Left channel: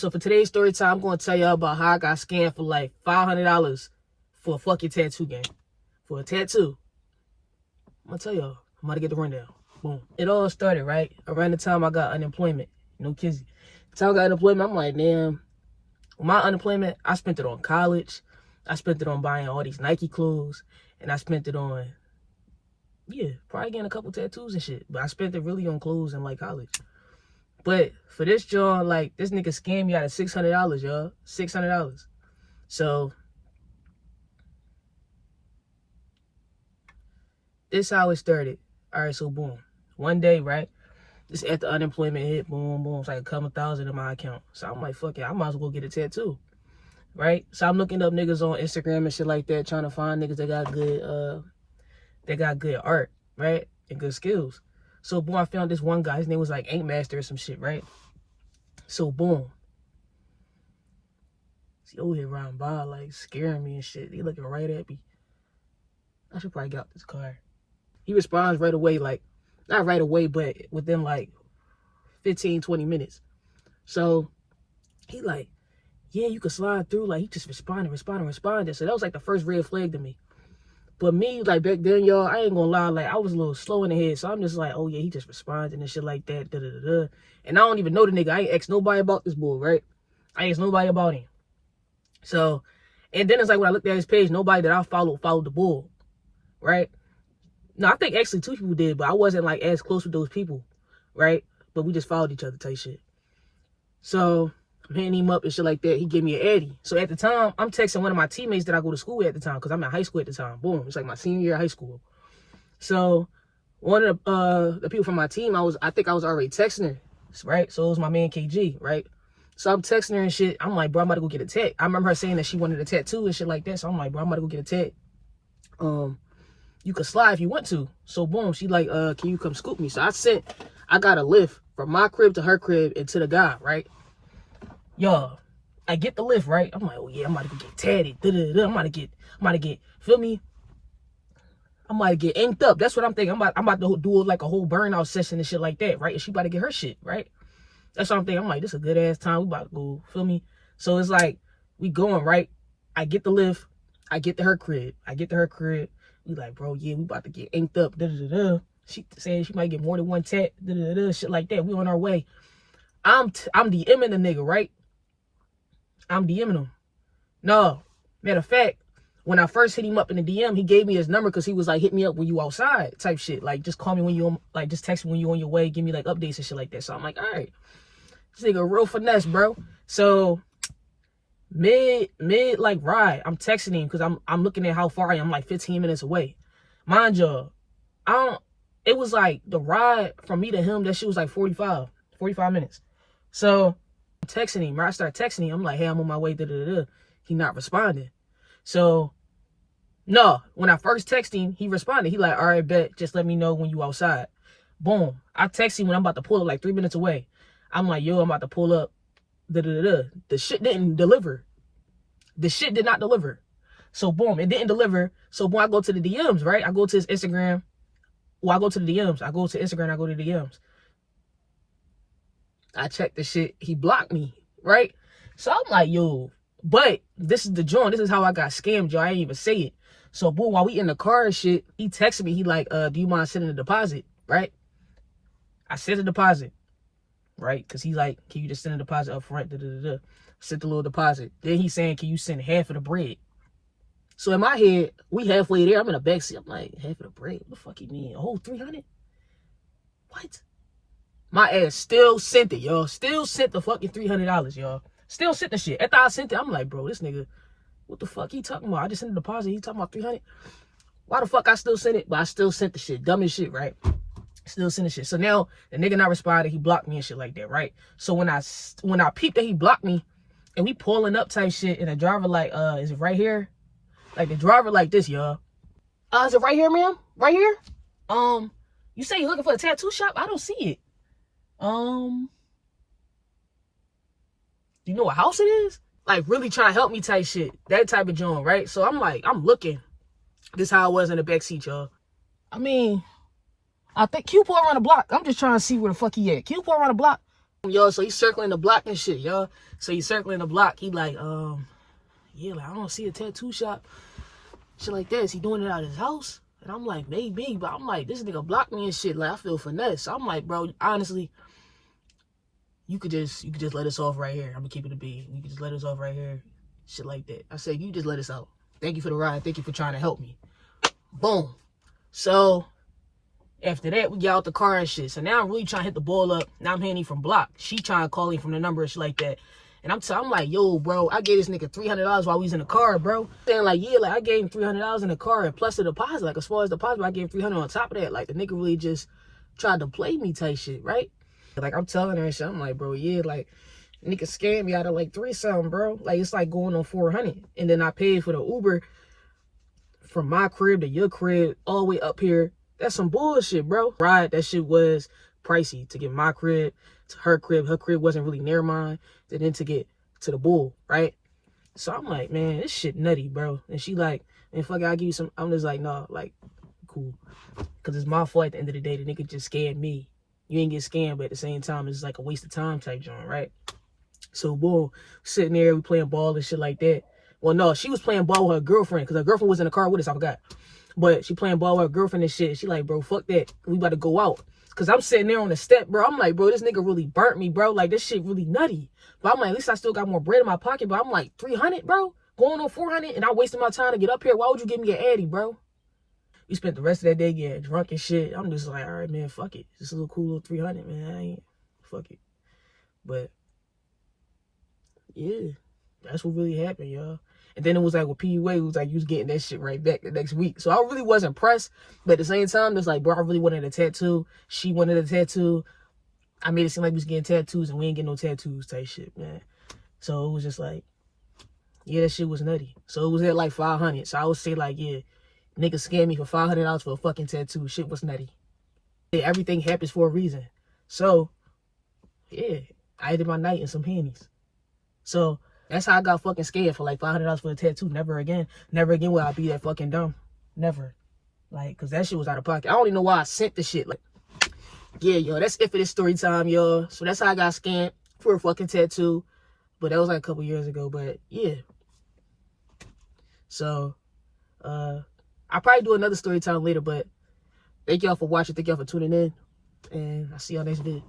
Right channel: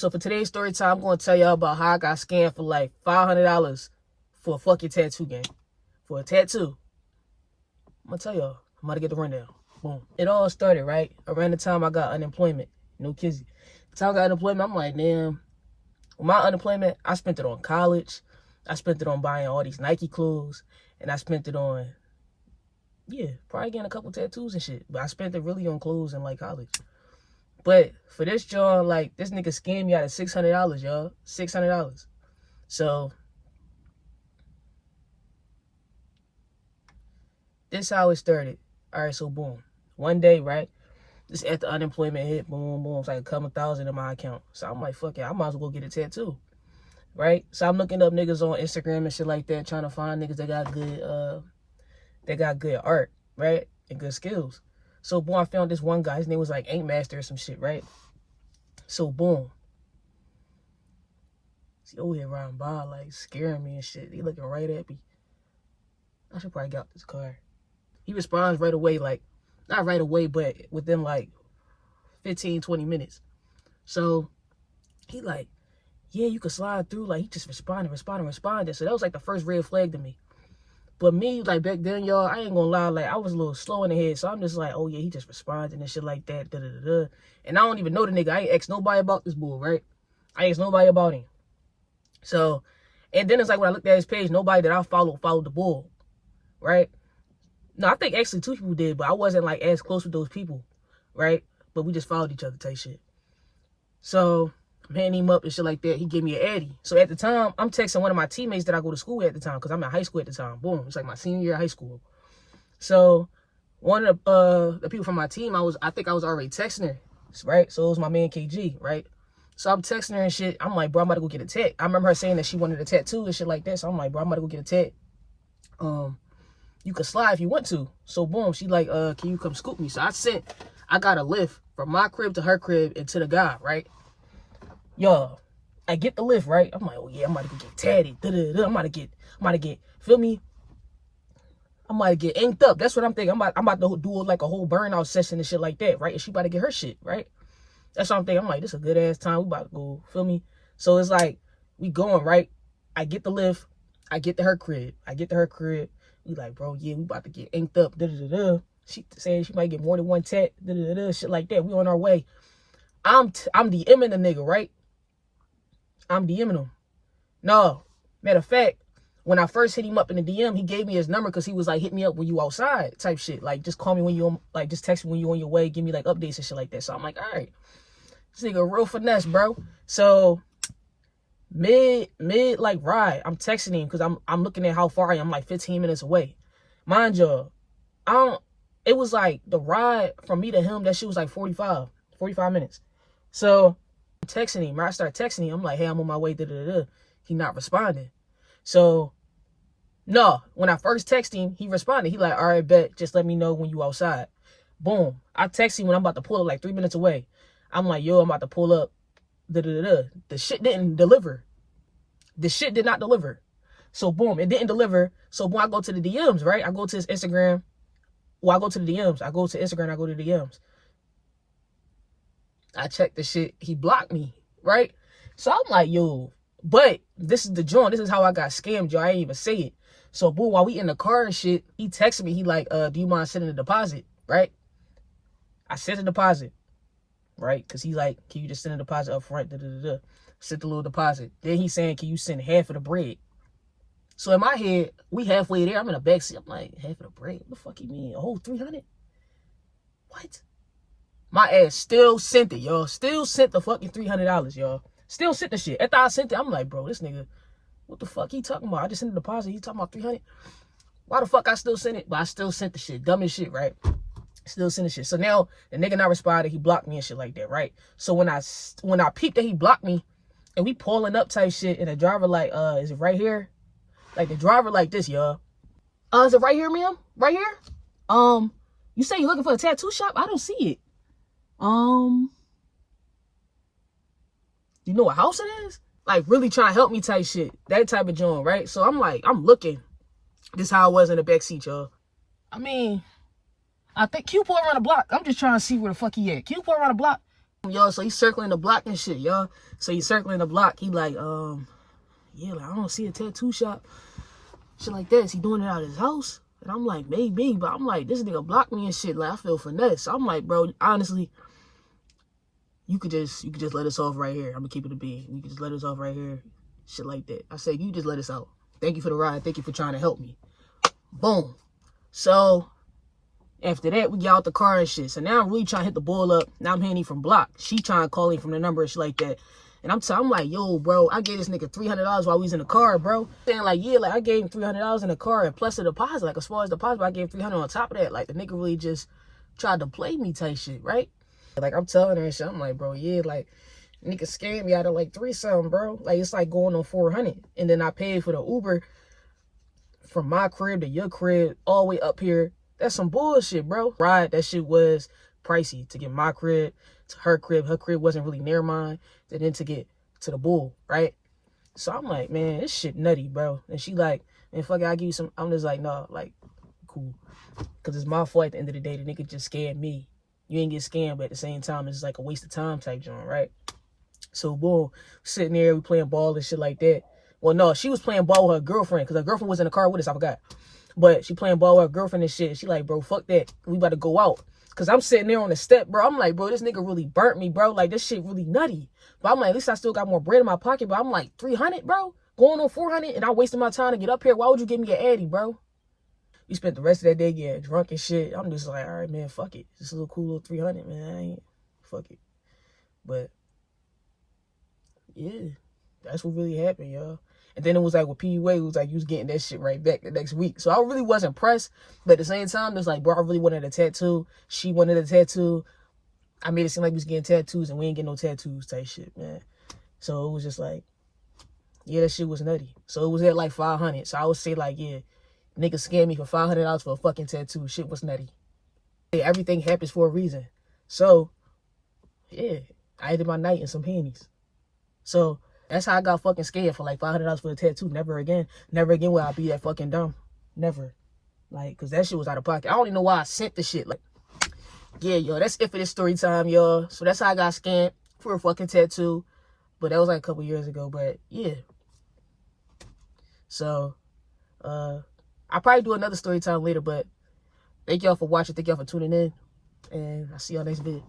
So for today's story time, I'm going to tell y'all about how I got scammed for like $500 for a fucking tattoo game. For a tattoo. I'm going to tell y'all. I'm about to get the rundown. Boom. It all started, right? Around the time I got unemployment. No kidding. The time I got unemployment, I'm like, damn. My unemployment, I spent it on college. I spent it on buying all these Nike clothes. And I spent it on, yeah, probably getting a couple tattoos and shit. But I spent it really on clothes and like college. But for this joint, like, this nigga scammed me out of $600, y'all. $600. So, this how it started. All right, so boom. One day, right? This after unemployment hit, boom, boom. It's like a couple thousand in my account. So I'm like, fuck it, I might as well get a tattoo. Right? So I'm looking up niggas on Instagram and shit like that, trying to find niggas that got good art, right? And good skills. So boom, I found this one guy. His name was like Ink Master or some shit, right? So boom. He over here riding by, like scaring me and shit. He looking right at me. I should probably get out this car. He responds right away, like, not right away, but within like 15, 20 minutes. So he like, yeah, you can slide through. Like, he just responded. So that was like the first red flag to me. But me, like, back then, y'all, I ain't gonna lie, like, I was a little slow in the head. So I'm just like, oh, yeah, he just responded and shit like that, da-da-da-da. And I don't even know the nigga. I ain't asked nobody about this bull, right? I ain't asked nobody about him. So, and then it's like when I looked at his page, nobody that I followed the bull, right? No, I think actually 2 people did, but I wasn't, like, as close with those people, right? But we just followed each other type shit. So I'm hitting him up and shit like that. He gave me an Addy. So at the time, I'm texting one of my teammates that I go to school with at the time, because I'm in high school at the time. Boom. It's like my senior year of high school. So one of the people from my team, I think I was already texting her, right? So it was my man KG, right? So I'm texting her and shit. I'm like, bro, I'm about to go get a tat. I remember her saying that she wanted a tattoo and shit like that. So I'm like, bro, I'm about to go get a tat. You could slide if you want to. So boom, she like, can you come scoop me? So I got a lift from my crib to her crib and to the guy, right? Yo, I get the lift, right? I'm like, oh yeah, I'm about to go get tatted. I'm about to get, feel me? I'm about to get inked up. That's what I'm thinking. I'm about to do like a whole burnout session and shit like that, right? And she about to get her shit, right? That's what I'm thinking. I'm like, this is a good ass time. We about to go, feel me? So it's like, we going, right? I get the lift. I get to her crib. We like, bro, yeah, we about to get inked up. She saying she might get more than one tat. Shit like that. We on our way. I'm DMing the nigga, right? I'm DMing him. No, matter of fact, when I first hit him up in the DM, he gave me his number because he was like, hit me up when you outside type shit. Like, just call me when you, like, just text me when you on your way. Give me, like, updates and shit like that. So I'm like, all right. This nigga real finesse, bro. So, mid, like, ride, I'm texting him because I'm looking at how far I am. I'm, like, 15 minutes away. Mind you, it was, like, the ride from me to him, that shit was, like, 45 minutes. So, I'm texting him, right? I start texting him. I'm like, hey, I'm on my way, He not responding. So, no, when I first texted him, he responded. He like, all right, bet, just let me know when you outside. Boom. I text him when I'm about to pull up, like 3 minutes away. I'm like, yo, I'm about to pull up. The shit didn't deliver. The shit did not deliver. So, boom, it didn't deliver. So, boom, I go to the DMs, right? I go to his Instagram. Well, I go to the DMs. I go to Instagram, I go to the DMs. I checked the shit. He blocked me, right? So, I'm like, yo, but this is the joint. This is how I got scammed, yo. I didn't even say it. So, boom, while we in the car and shit, he texted me. He like, do you mind sending a deposit, right? I sent a deposit, right? Because he like, can you just send a deposit up front? Sent the little deposit. Then he's saying, can you send half of the bread? So, in my head, we halfway there. I'm in the backseat. I'm like, half of the bread? What the fuck you mean? A whole 300? What? My ass still sent it, y'all. Still sent the fucking $300, y'all. Still sent the shit. After I sent it, I'm like, bro, this nigga, what the fuck he talking about? I just sent a deposit. He talking about 300. Why the fuck I still sent it? But I still sent the shit. Dumb as shit, right? Still sent the shit. So now the nigga not responding. He blocked me and shit like that, right? So when I peeped that he blocked me, and we pulling up type shit, and the driver like, is it right here? Like the driver like this, y'all. Is it right here, ma'am? Right here? You say you looking for a tattoo shop? I don't see it. You know what house it is? Like, really trying to help me type shit. That type of joint, right? So I'm like, I'm looking. This how I was in the backseat, y'all. I mean, I think Q pulled around the block. I'm just trying to see where the fuck he at. Q pulled around the block. Yo, so he's circling the block and shit, yo. So he's circling the block. He like, yeah, like, I don't see a tattoo shop. Shit like that. Is he doing it out of his house? And I'm like, maybe, but I'm like, this nigga blocked me and shit. Like, I feel finesse. So I'm like, bro, honestly, you could just let us off right here. I'm gonna keep it a bean. You could just let us off right here. Shit like that. I said, you just let us out. Thank you for the ride. Thank you for trying to help me. Boom. So after that, we get out the car and shit. So now I'm really trying to hit the ball up. Now I'm hitting from block. She trying to call him from the number and shit like that. And I'm like, yo, bro, I gave this nigga $300 while we was in the car, bro. Saying like, yeah, like I gave him $300 in the car and plus the deposit, like as far as deposit, I gave him $300 on top of that. Like the nigga really just tried to play me type shit, right? Like I'm telling her and shit, I'm like, bro, yeah, like nigga scammed me out of like 3-something, bro. Like it's like going on 400. And then I paid for the Uber from my crib to your crib all the way up here. That's some bullshit, bro. Right, that shit was pricey to get my crib to her crib. Her crib wasn't really near mine. And then to get to the bull, right? So I'm like, man, this shit nutty, bro. And she like, man, fuck it, I'll give you some. I'm just like, no, like, cool. Because it's my fault at the end of the day. The nigga just scammed me. You ain't get scammed, but at the same time, it's like a waste of time type joint, right? So boom, sitting there, we playing ball and shit like that. Well, no, she was playing ball with her girlfriend because her girlfriend was in the car with us, I forgot. But she playing ball with her girlfriend and shit. She like, bro, fuck that. We about to go out. Because I'm sitting there on the step, bro. I'm like, bro, this nigga really burnt me, bro. Like, this shit really nutty. But I'm like, at least I still got more bread in my pocket. But I'm like, 300, bro? Going on 400? And I wasted my time to get up here. Why would you give me an Addy, bro? We spent the rest of that day getting drunk and shit. I'm just like, all right, man, fuck it. Just a little cool little 300, man. I ain't, fuck it. But, yeah, that's what really happened, y'all. And then it was like with PUA, it was like you was getting that shit right back the next week. So I really wasn't pressed. But at the same time, it's like, bro, I really wanted a tattoo. She wanted a tattoo. I made it seem like we was getting tattoos and we ain't getting no tattoos type shit, man. So it was just like, yeah, that shit was nutty. So it was at like 500. So I would say like, yeah, nigga scammed me for $500 for a fucking tattoo. Shit was nutty. Yeah, everything happens for a reason. So, yeah, I ended my night in some panties. So that's how I got fucking scared for like $500 for a tattoo. Never again. Never again will I be that fucking dumb. Never. Like, because that shit was out of pocket. I don't even know why I sent the shit. Like, yeah, yo, that's it for this story time, y'all. So that's how I got scammed for a fucking tattoo. But that was like a couple years ago. But, yeah. So, I'll probably do another story time later. But thank y'all for watching. Thank y'all for tuning in. And I'll see y'all next video.